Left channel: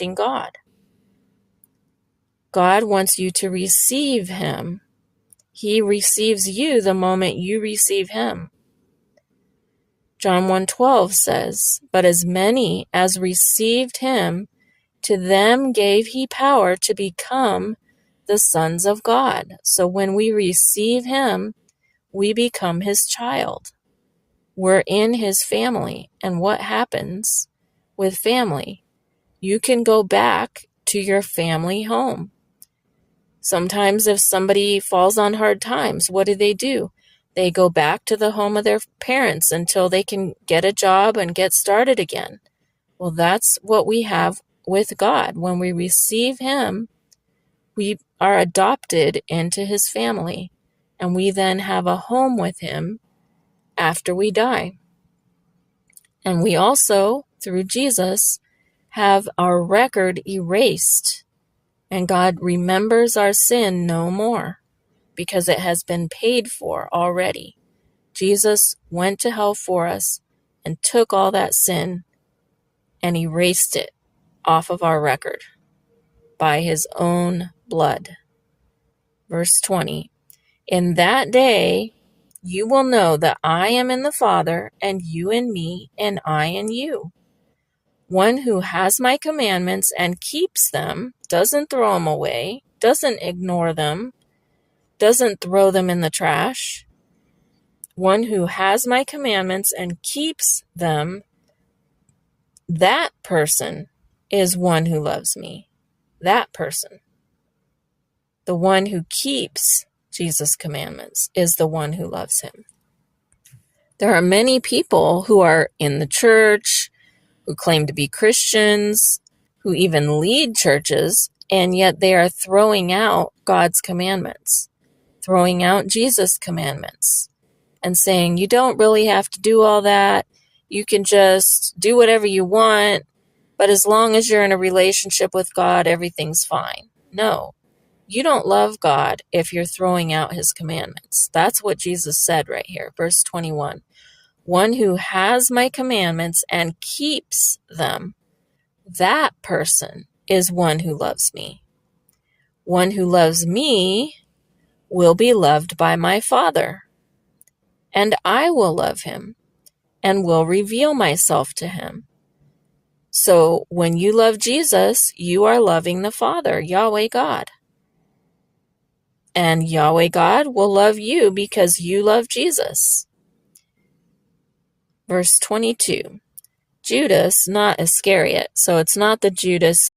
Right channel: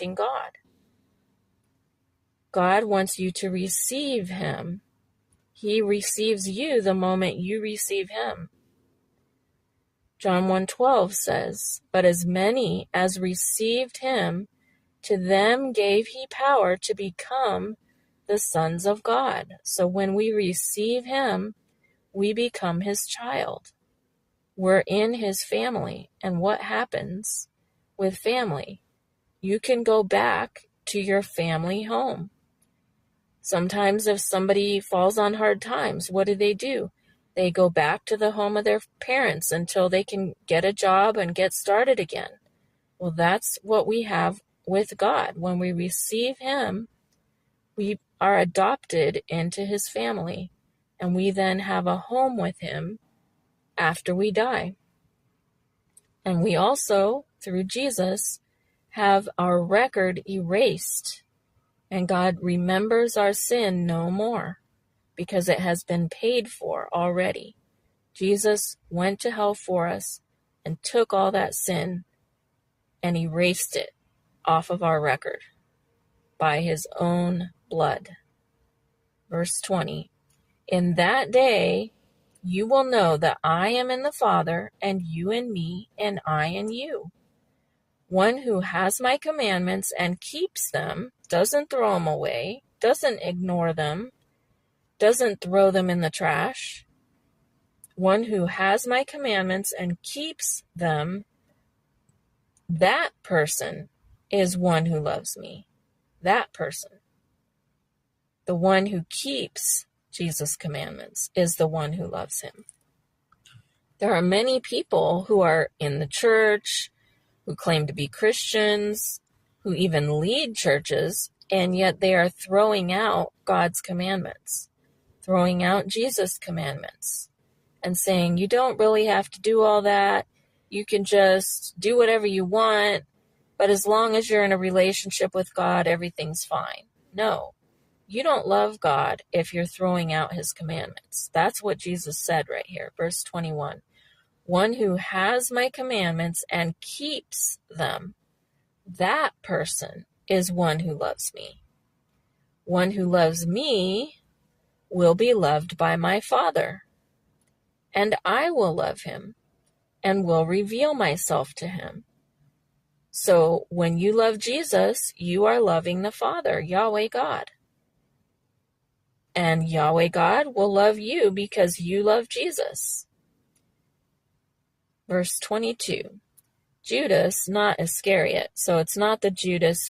rejecting God. God wants you to receive him. He receives you the moment you receive him. John 1:12 says, "But as many as received him, to them gave he power to become the sons of God." So when we receive him, we become his child. We're in his family. And what happens with family? You can go back to your family home. Sometimes if somebody falls on hard times, what do? They go back to the home of their parents until they can get a job and get started again. Well, that's what we have with God. When we receive him, we are adopted into his family, and we then have a home with him after we die. And we also, through Jesus, have our record erased, and God remembers our sin no more because it has been paid for already. Jesus went to hell for us and took all that sin and erased it off of our record by his own blood. Verse 20, "In that day you will know that I am in the Father, and you in me, and I in you. One who has my commandments and keeps them, doesn't throw them away, doesn't ignore them, doesn't throw them in the trash. One who has my commandments and keeps them, that person is one who loves me." That person. The one who keeps Jesus' commandments is the one who loves him. There are many people who are in the church, who claim to be Christians, who even lead churches, and yet they are throwing out God's commandments, throwing out Jesus' commandments, and saying, you don't really have to do all that. You can just do whatever you want, but as long as you're in a relationship with God, everything's fine. No, you don't love God if you're throwing out his commandments. That's what Jesus said right here, verse 21. One who has my commandments and keeps them, that person is one who loves me. One who loves me will be loved by my Father, and I will love him and will reveal myself to him. So when you love Jesus, you are loving the Father, Yahweh God. And Yahweh God will love you because you love Jesus. Verse 22, Judas, not Iscariot. So it's not the Judas